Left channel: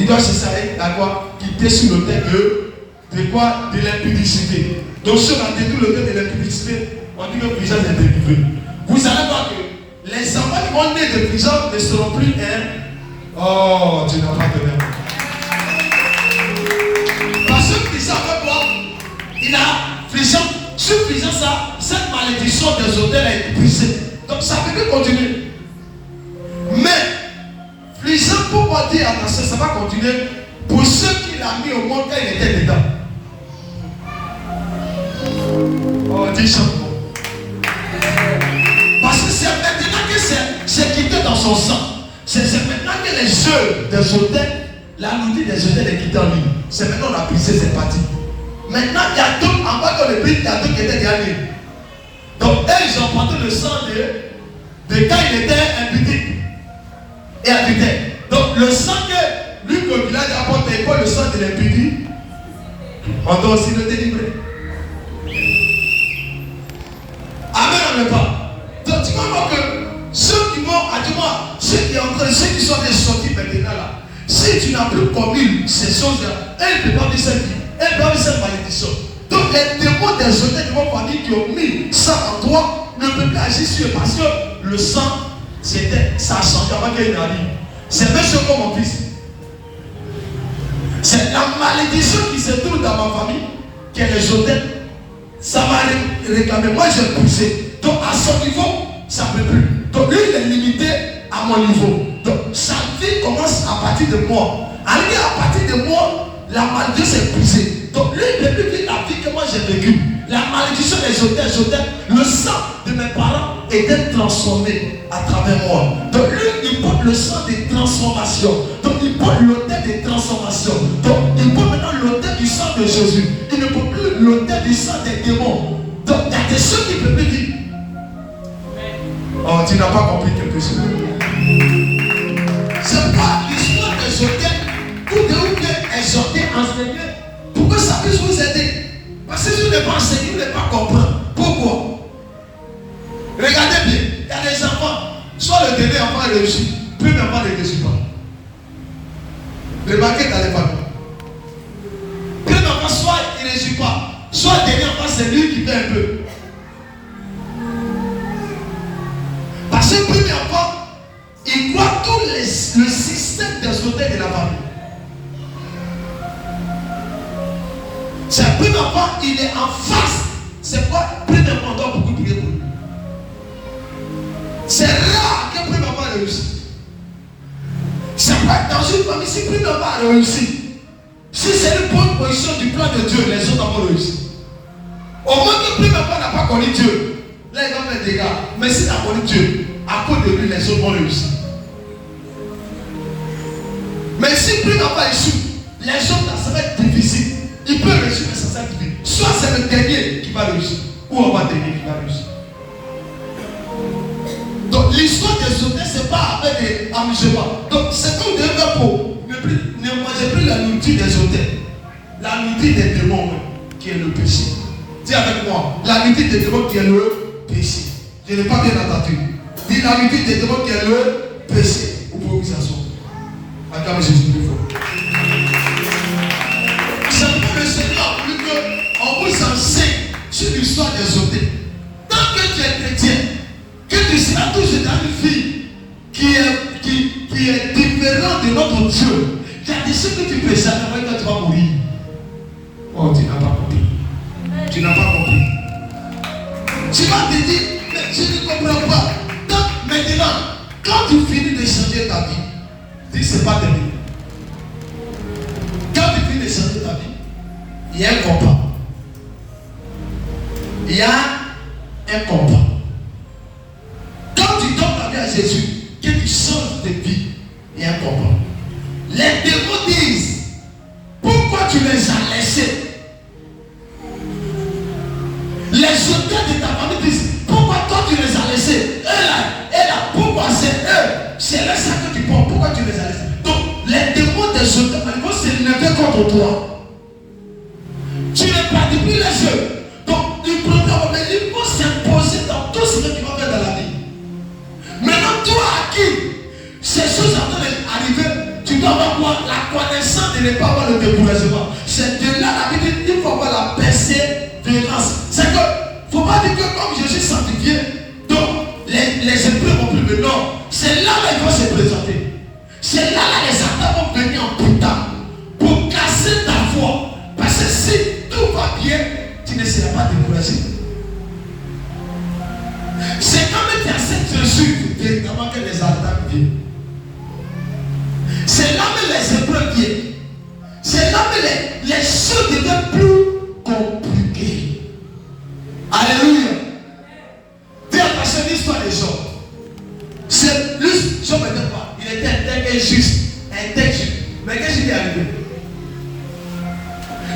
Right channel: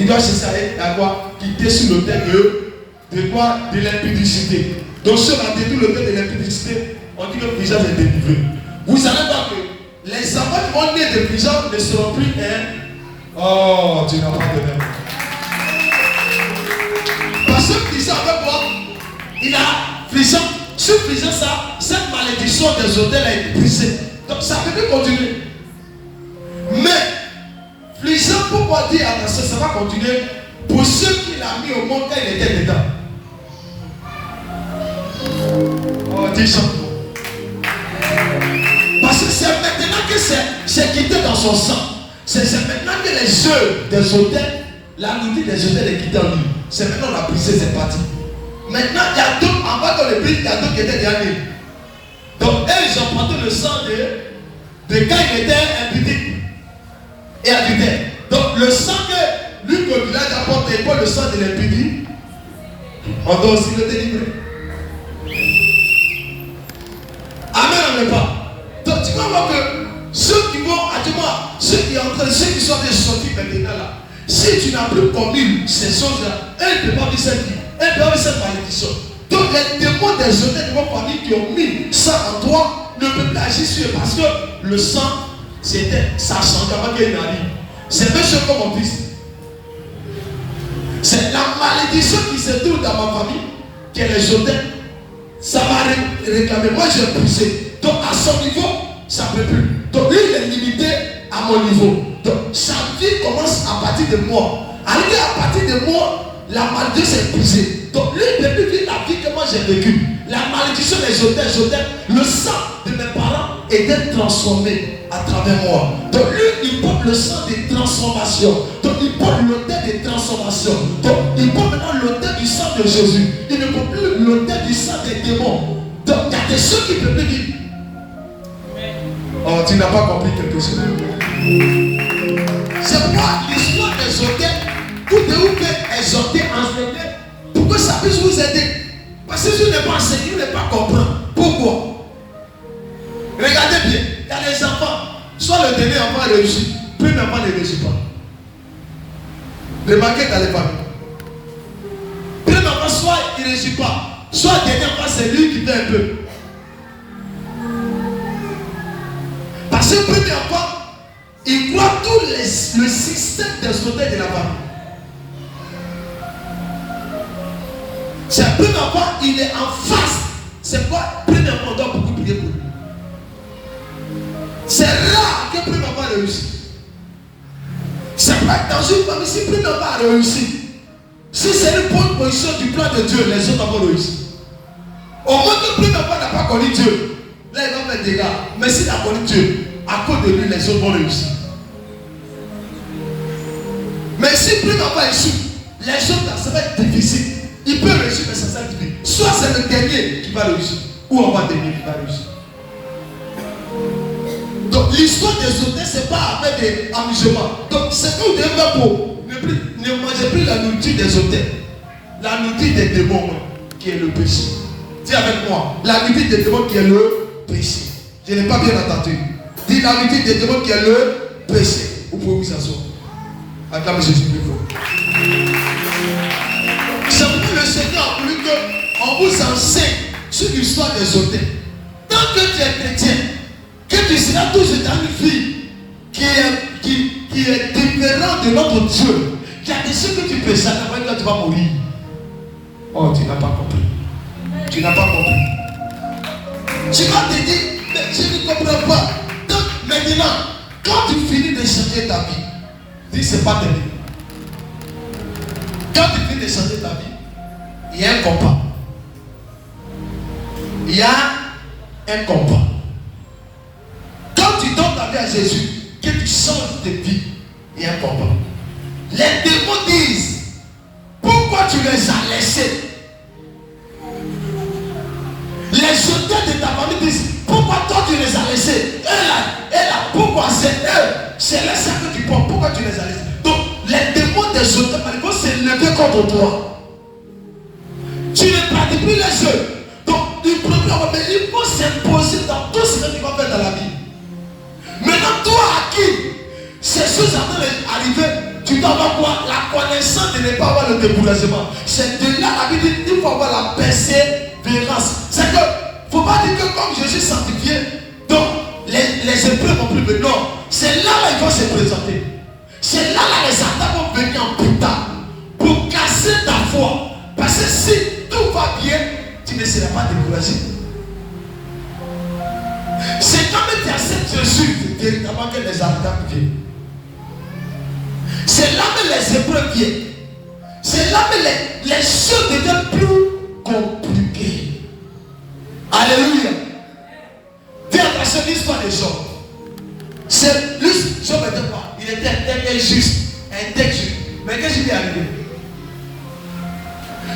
il doit se servir à quoi? Quitter sur le thème de quoi? De l'impudicité. Donc si on a détruit le thème de l'impudicité, on dit que le visage est délivré. Vous savez pas que les enfants qui vont naître de prison ne seront plus un. Oh, tu n'as pas de même. Parce que prison avec quoi? Il a prison. Sur prison, ça, cette malédiction des hôtels a été brisée. Donc ça peut plus continuer. Mais prison, pourquoi dire attention, ça va continuer pour ceux qui l'ont mis au monde quand il était dedans. Oh, dis ça. Parce que c'est maintenant que c'est quitté dans son sang. C'est maintenant que les œufs des hôtels, la nourriture des hôtels est quittée en lui. C'est maintenant qu'on a brisé cette partie. Maintenant, il y a d'autres, en bas dans le pays, il y a d'autres qui étaient gagnés. Donc, eux, ils ont porté le sang de quand il était impudique et adultère. Donc, le sang que lui, que le village apporte, il prend le sang de l'impudique, on doit aussi le délivrer. Amen, on ne pas. Donc, tu vas voir que ceux qui vont, dis-moi, ceux qui sont des sortis maintenant là, si tu n'as plus commis ces choses-là, elles ne peuvent pas vivre cette vie. Elles peuvent vivre cette malédiction. Donc les démons des hôtels de votre famille qui ont mis ça en toi ne peuvent plus agir sur eux parce que le sang, ça a changé avant qu'il y ait une année. C'est même chose comme mon fils. C'est la malédiction qui se trouve dans ma famille, qui est les hôtels. Ça m'a réclamé. Moi, j'ai poussé. Donc à son niveau, ça ne peut plus. Donc lui, il est limité à mon niveau. Donc sa vie commence à partir de moi. Arrivé à partir de moi, la malédiction est brisée. Donc lui, il ne peut plus vivre la vie que moi j'ai vécue. La malédiction des hôtels, le sang de mes parents était transformé à travers moi. Donc lui, il porte le sang des transformations. Donc il porte l'autel des transformations. Donc il porte maintenant l'autel du sang de Jésus. Il ne porte plus l'autel du sang des démons. Donc il y a des choses qui ne peuvent plus vivre. Oh, tu n'as pas compris quelque chose. C'est pas l'histoire des hôtels. Vous devez exhorter, enseigner pour que ça puisse vous aider. Parce que si vous n'êtes pas enseigné, vous n'êtes pas comprendre. Pourquoi? Regardez bien, il y a des enfants, soit le dernier enfant réussit, puis l'enfant ne réussit pas. Remarquez dans les familles. Puis l'enfant, soit il ne réussit pas, soit le dernier enfant, c'est lui qui fait un peu. Parce que le premier enfant, il croit tout le système des hôtels de la famille. C'est un premier enfant, il est en face. C'est quoi? Premier enfant, on doit beaucoup prier pour lui. C'est rare qu'un premier enfant réussisse. C'est pas dans une famille, si premier enfant a réussi, si c'est une bonne position du plan de Dieu, les autres enfants réussissent. Au moins que premier enfant n'a pas connu Dieu, là il va faire des dégâts. Mais s'il a connu Dieu, à cause de lui, les autres vont réussir. Mais si premier enfant échoue, les autres là, ça va être difficile. Il peut réussir, mais ça va être difficile. Soit c'est le dernier qui va réussir, ou on va dernier qui va réussir. Donc l'histoire des hôtels, c'est pas avec des amusements. Donc c'est que vous devez faire pour ne mangez plus la nourriture des hôtels. La nourriture des démons, qui est le péché. Dis avec moi, la nourriture des démons qui est le péché. Je n'ai pas bien entendu. Dis la nourriture des démons qui est le péché. Vous pouvez vous asseoir. Acclamez Jésus plus fort. C'est pourquoi le Seigneur a voulu qu'on vous enseigne sur l'histoire des hôtels. Tant que tu es chrétien, que tu seras toujours dans une vie qui est différente de notre Dieu. Il y a des choses que tu peux savoir quand tu vas mourir. Oh, tu n'as pas compris. Tu n'as pas compris. Tu vas te dire, mais je ne comprends pas. Donc maintenant, quand tu finis de changer ta vie, dis c'est pas terminé. Quand tu finis de changer ta vie, il y a un combat. Il y a un combat. Quand tu donnes ta vie à Jésus, que tu changes de vie, il y a un combat. Les démons disent, pourquoi tu les as laissés? Les auteurs de ta famille disent, pourquoi toi tu les as laissés? Et là, pourquoi c'est eux? C'est là ça que tu prends, pourquoi tu les as laissés? Donc, les démons des auteurs vont se lever contre toi. Tu ne pratiques plus les jeux. Donc, ils vont s'imposer dans tout ce que tu vas faire dans la vie. Maintenant, toi à qui ces choses sont arrivées, tu dois avoir quoi? La ce n'est pas avoir le découragement. C'est de là, la Bible dit qu'il faut avoir la persévérance. C'est que, il ne faut pas dire que comme je suis sanctifié, donc les épreuves vont plus venir. Non, c'est là qu'ils vont se présenter. C'est là les attaques vont venir en tout temps pour casser ta foi. Parce que si tout va bien, tu ne seras pas découragé. C'est quand tu acceptes Jésus véritablement que les attaques viennent. C'est là que les épreuves viennent. C'est là que les choses deviennent plus compliquées. Alléluia. Fais attention à l'histoire des gens. C'est lui, je ne me dis pas, il était injuste, injuste. Mais qu'est-ce qui est arrivé?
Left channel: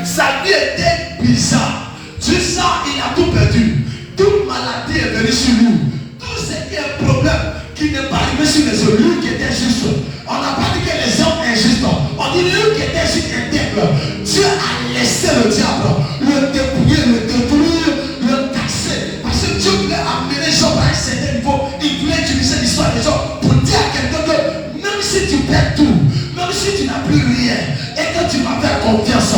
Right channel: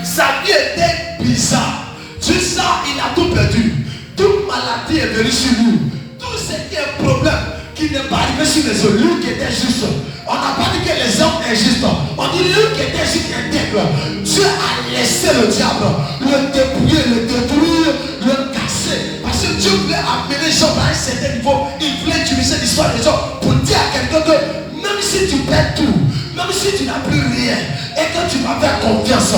Sa vie était bizarre. Juste ça, il a tout perdu. Toute maladie est venue sur lui. Tout ce qui est un problème qui n'est pas arrivé sur les autres. Lui qui était juste. On n'a pas dit que les hommes injustes. On dit lui qui était juste intègre. Dieu a laissé le diable le dépouiller, le détruire, le casser. Parce que Dieu voulait amener les gens à un certain niveau. Il voulait utiliser l'histoire des gens pour dire à quelqu'un que même si tu perds tout, même si tu n'as plus rien, et que tu vas faire confiance,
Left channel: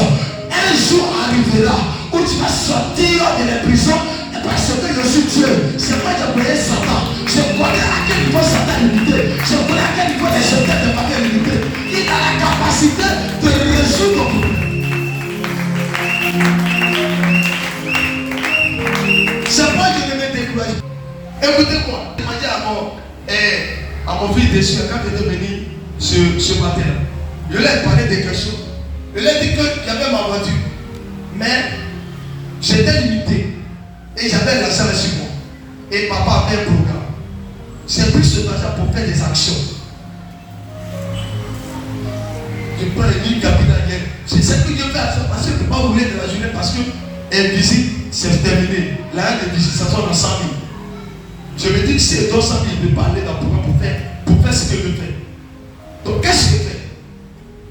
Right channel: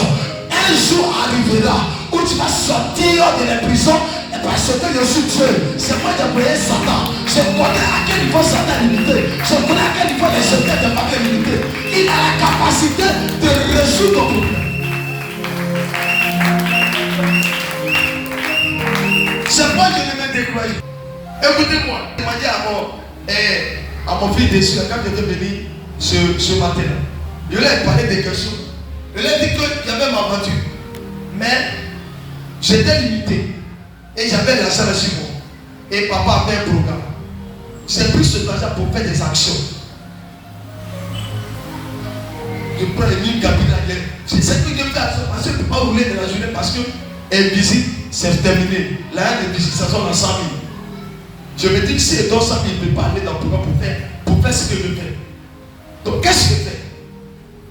un jour arrivera où tu vas sortir de la prison. Parce que je suis Dieu, c'est moi qui ai créé Satan. Je connais à quel niveau Satan est limité. Je connais à quel niveau les secrets de ma vie est limité. Il a la capacité de résoudre ton problème. C'est pas que je ne vais décourager. Écoutez-moi, je vais dire à mon fils déçu, quand il était venu ce matin, je lui ai parlé de quelque chose. Je lui ai dit qu'il y avait ma voiture. Mais j'étais limité. Et j'avais la salle sur moi. Et papa avait un programme. C'est plus de l'argent pour faire des actions. Je prends les lignes capitales. C'est ce que je fais parce que je ne peux pas rouler de la journée parce que elle visite, c'est terminé. La de visite, ça sort à 100 000. Je me dis que si elle donne 100 000, il ne peut pas aller dans le programme pour faire ce que je fais. Donc qu'est-ce que je fais?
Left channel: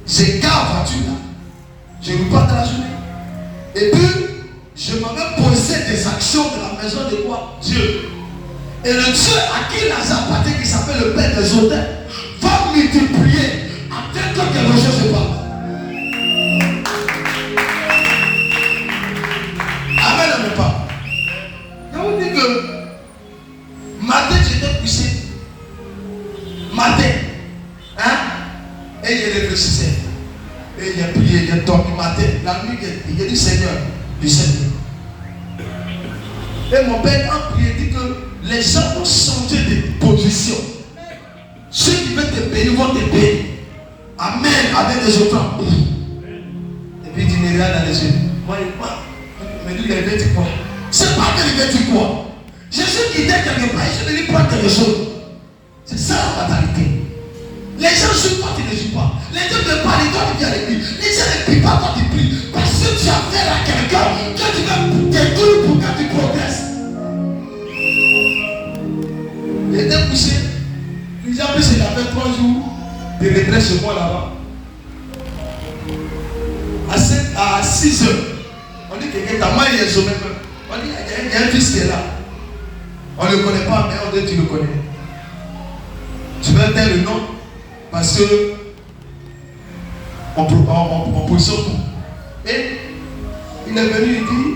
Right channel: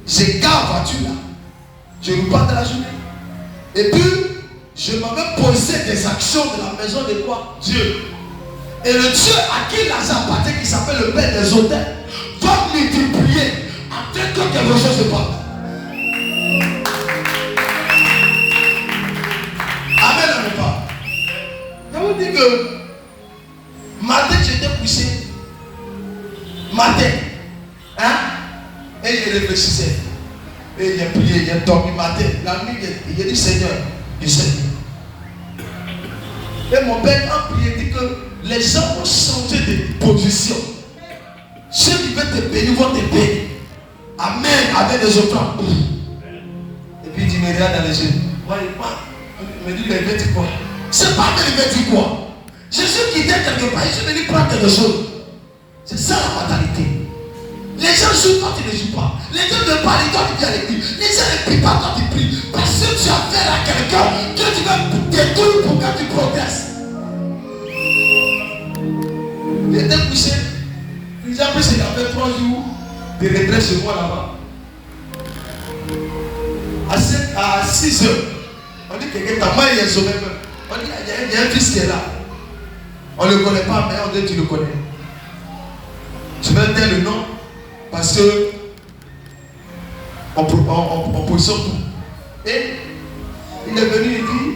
J'ai garde voiture là. Je repars de la journée. Et puis, je m'avais posé des actions de la maison de quoi? Dieu. Et le Dieu à qui Lazare appartient, qui s'appelle le Père des hôtels, va multiplier afin que quelque chose se passe. Amen à mon père. Je vous dis que matin j'étais couché. Matin. Hein? Et je réfléchissais. Et j'ai prié, j'ai dormi matin. La nuit, j'ai dit Seigneur. Du Seigneur. Et mon père a prié, dit que les gens vont changer de position. Ceux qui veulent te bénir vont te bénir. Amen. Avec des autres. Et puis il dit, il regarde dans les yeux. Moi, il me dit, il veut dire quoi? C'est pas qu'il veut dire quoi. Jésus qui était quelque part, il s'est venu prendre quelque chose. C'est ça la fatalité. Les gens jouent quand ils ne jouent pas. Les gens ne parlent quand ils viennent avec lui. Les gens ne prient pas quand ils prient. Parce que tu as affaire à quelqu'un que tu vas détourner pour que tu progresses. Il était couché. Puis en plus, il a fait 3 jours de retrait chez moi là-bas. À 6 heures, on dit que quelqu'un moi il est sauvé. On dit il y a un fils qui est là. On ne le connaît pas, mais on dit tu le connais. Je vais dire le nom. Parce que on positionne tout. Et il est venu et dit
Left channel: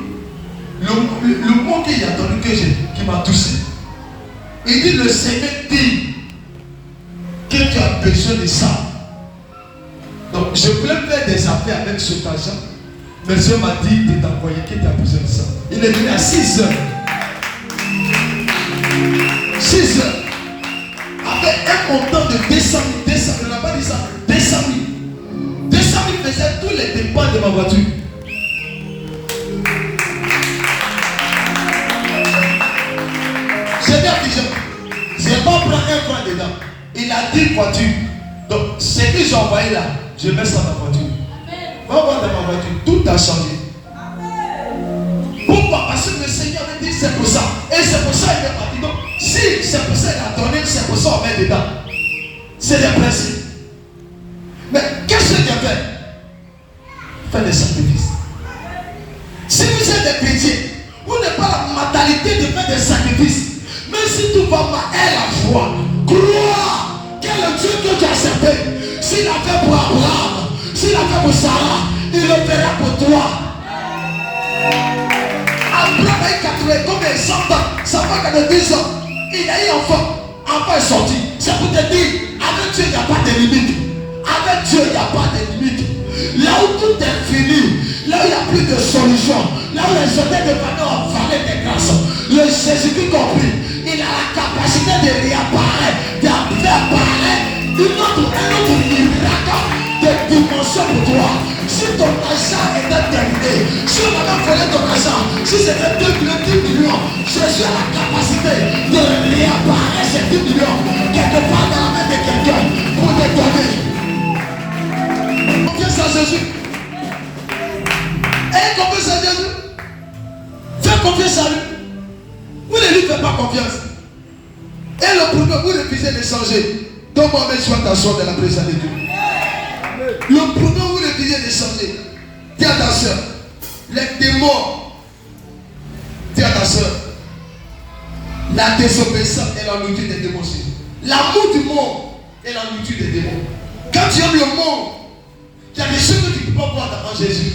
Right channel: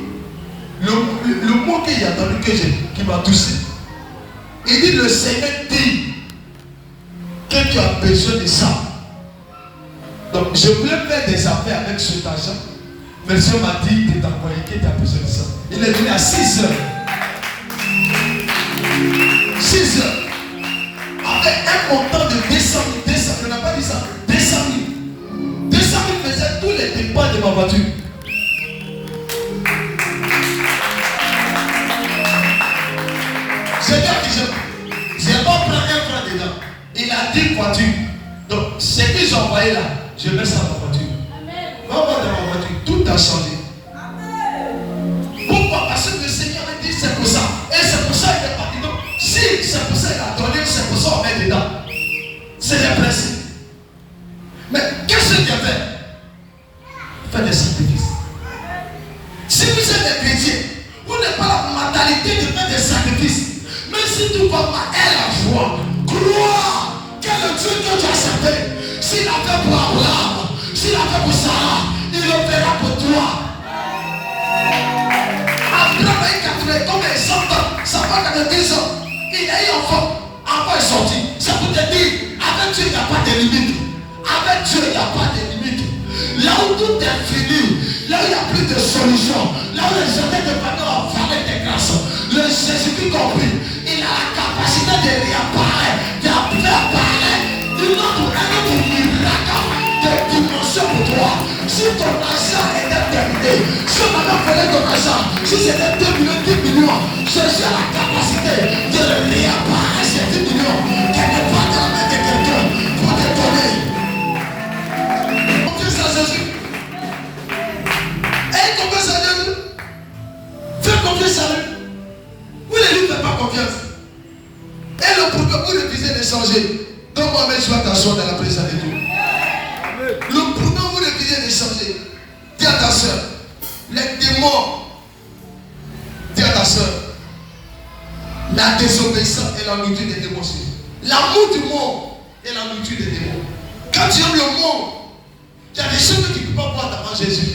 le mot qu'il a entendu qui m'a touché. Il dit le Seigneur dit que tu as besoin de ça. Donc je voulais faire des affaires avec cet argent. Mais le Seigneur m'a dit de t'envoyer qu'il a besoin de ça. Il est venu à 6 heures. 6 heures. Avec un montant de 200 000, il n'a pas dit ça, 200 000. 200 000 faisait tous les dépenses de ma voiture. C'est bien que je n'ai pas pris un franc dedans. Il a 10 voitures. Donc, ce que j'ai envoyé là, je mets ça dans ma voiture. Va voir dans ma voiture, tout a changé. Pourquoi? Parce que le Seigneur me dit c'est pour ça. Et c'est pour ça qu'il est parti. Donc, si c'est pour ça qu'il a donné, c'est pour ça qu'on met dedans. C'est le principe. Mais qu'est-ce qu'il a fait? Faire des sacrifices. Si vous êtes des chrétiens, vous n'avez pas la mentalité de faire des sacrifices. Même si tout va mal, aie la joie. Crois que le Dieu que tu as servi, s'il a fait pour Abraham, S'il a fait pour Sarah, il le fera pour toi. Abraham a eu 80, combien 100 ans, ça fait 90 ans. Il a eu enfant. Enfant est sorti. C'est pour te dire, avec Dieu, il n'y a pas de limite. Avec Dieu, il n'y a pas de limite. Là où tout est fini, là où il n'y a plus de solution, là où les hôtels de famille ont avalé des grâces, le Jésus-Christ compris, il a la capacité de réapparaître, d'apparaître un autre miracle de dimension pour toi. Si ton argent était terminé, si on avait volé ton argent, si c'était 2 millions, 10 millions, Jésus a la capacité de réapparaître ces 10 millions quelque part dans la main de quelqu'un pour te donner. Confiance à Jésus. Et confiance à Jésus. Fais confiance à lui. Vous ne lui faites pas confiance. Et le problème, vous refusez de changer. Donc moi, je vais t'asseoir dans la présence de Dieu. Le problème, vous refusez de changer. Dis à ta soeur, les démons, dis à ta soeur, la désobéissance est la nourriture des démons. L'amour du monde est la nourriture des démons. Quand tu aimes le monde, il y a des choses que tu ne peux pas voir devant Jésus.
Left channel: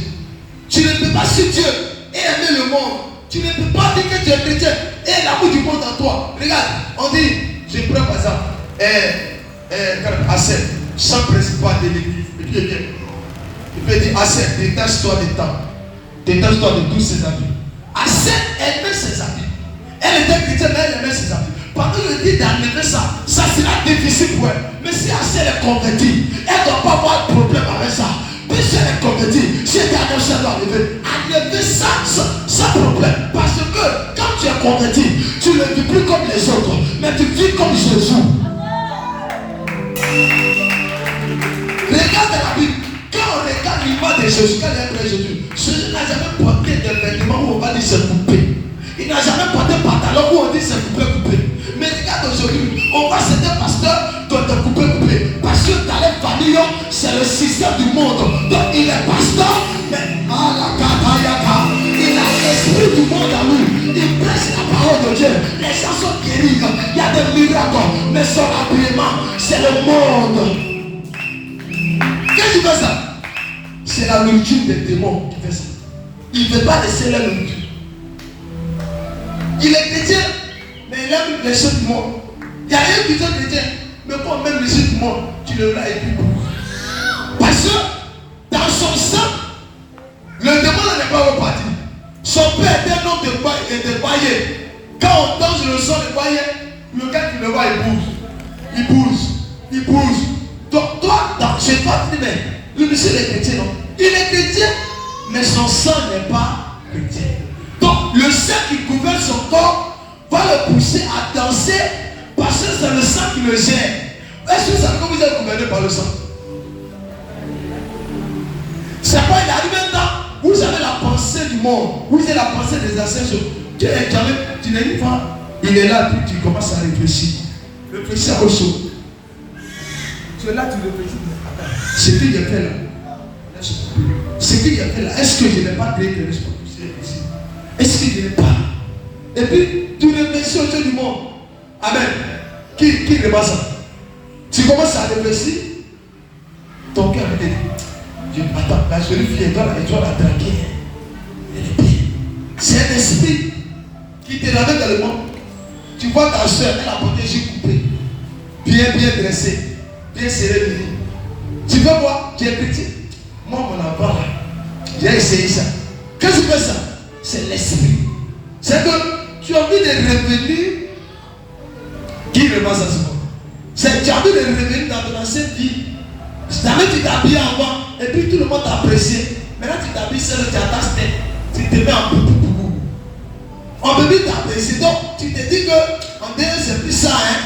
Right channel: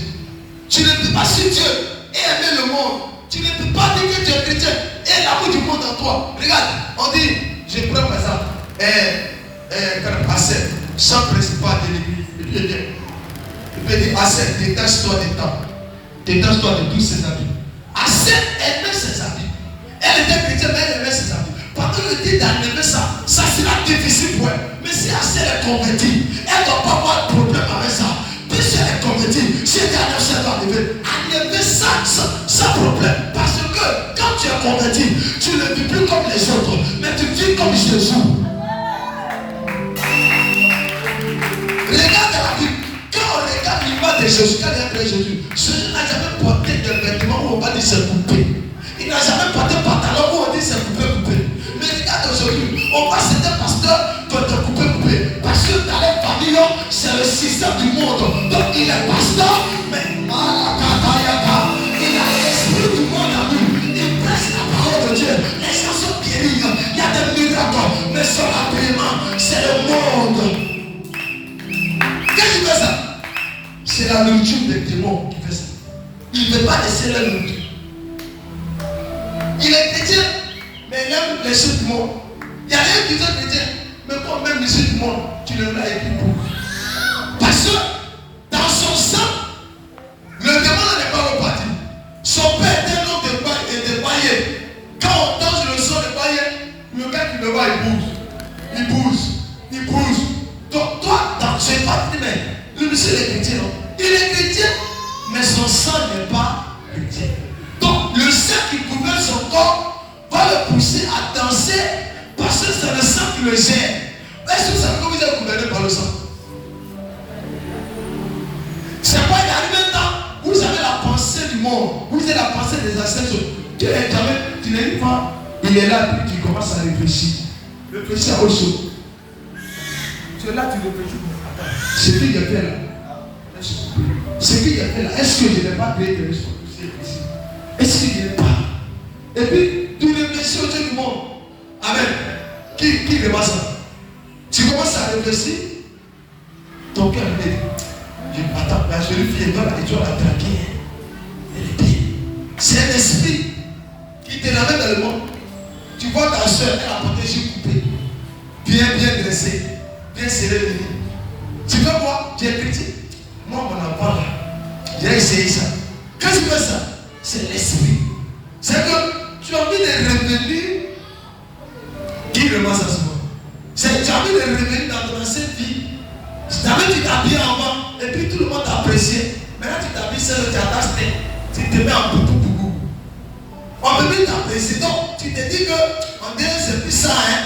Tu ne peux pas suivre Dieu et aimer le monde. Tu ne peux pas dire que tu es chrétien et l'amour du monde en toi. Regarde, on dit, je prends par exemple, Assel, chant principal de l'église. Et puis il peut dire, Assel, détache-toi des temps. Détache-toi de tous ses amis. Assel aimait ses amis. Elle était chrétienne, mais elle aimait ses amis. Pendant le dit d'enlever ça sera difficile pour elle. Mais si Assel est convertie, elle ne doit pas avoir de problème avec ça. Mais si elle est convertie, si elle est annoncée, elle doit enlever ça sans problème. Parce que quand tu es converti, tu ne vis plus comme les autres, mais tu vis comme Jésus. Regarde la Bible. Quand on regarde l'image de Jésus, quand il a créé Jésus n'a jamais porté de vêtements où on va dire c'est coupé. Il n'a jamais porté de pantalon où on dit c'est coupé. Mais regarde aujourd'hui, on voit certains pasteurs doivent te couper. Parce que dans les familles, c'est le système du monde. Donc il est pasteur, mais il a l'esprit du monde à lui. Il prêche la parole de Dieu. Les gens sont guéris. Il y a des miracles. Mais son habillement, c'est le monde. Qu'est-ce qui fait ça? C'est la nourriture des démons qui fait ça. Il ne veut pas laisser la nourriture. Il est chrétien, mais il aime les choses du monde. Il y a rien qui sont chrétiens, mais quand même les choses du monde, tu le l'as et puis pour. Parce que dans son sang, le démon n'est pas reparti. Son père était un homme de paillé. Quand on danse le sang de paillé, le gars qui le voit, il bouge. Donc toi, je n'ai pas dit, mais lui aussi il est chrétien, non? Il est chrétien, mais son sang n'est pas chrétien. Donc le sang qui gouverne son corps va le pousser à danser parce que c'est le sang qui le gère. Est-ce que vous savez que vous êtes gouverné par le sang? C'est pas il arrive un temps, vous avez la pensée du monde, vous avez la pensée des ancêtres. Tu n'es pas, il est là, puis tu commences à réfléchir. Réfléchir au chaud. Tu es là, tu réfléchis. Attends, ce que j'ai fait là, est-ce que je n'ai pas créé de responsabilité ici? Est-ce que je n'ai pas? Et puis, tu réfléchis au Dieu du monde. Amen. Qui rebat ça? Tu commences à réfléchir, ton cœur me dit, attends, la jolie fille, elle doit la traquer. C'est un esprit qui te ramène dans le monde. Tu vois ta soeur, elle a porté juste coupé, bien dressée, bien serrée. Tu veux voir, tu es chrétien. Moi, mon enfant, j'ai essayé ça. Quand tu fais ça, c'est l'esprit. C'est que tu as envie de revenir. Qui revoit ça souvent? C'est que tu as envie de revenir dans ton ancienne vie. Jamais tu t'habilles en bas et puis tout le monde t'apprécie. Maintenant tu t'habilles seul, tu attaches tête. Tu te mets en boubou. On peut plus t'apprécier. Donc tu te dis que en dehors c'est plus ça, hein.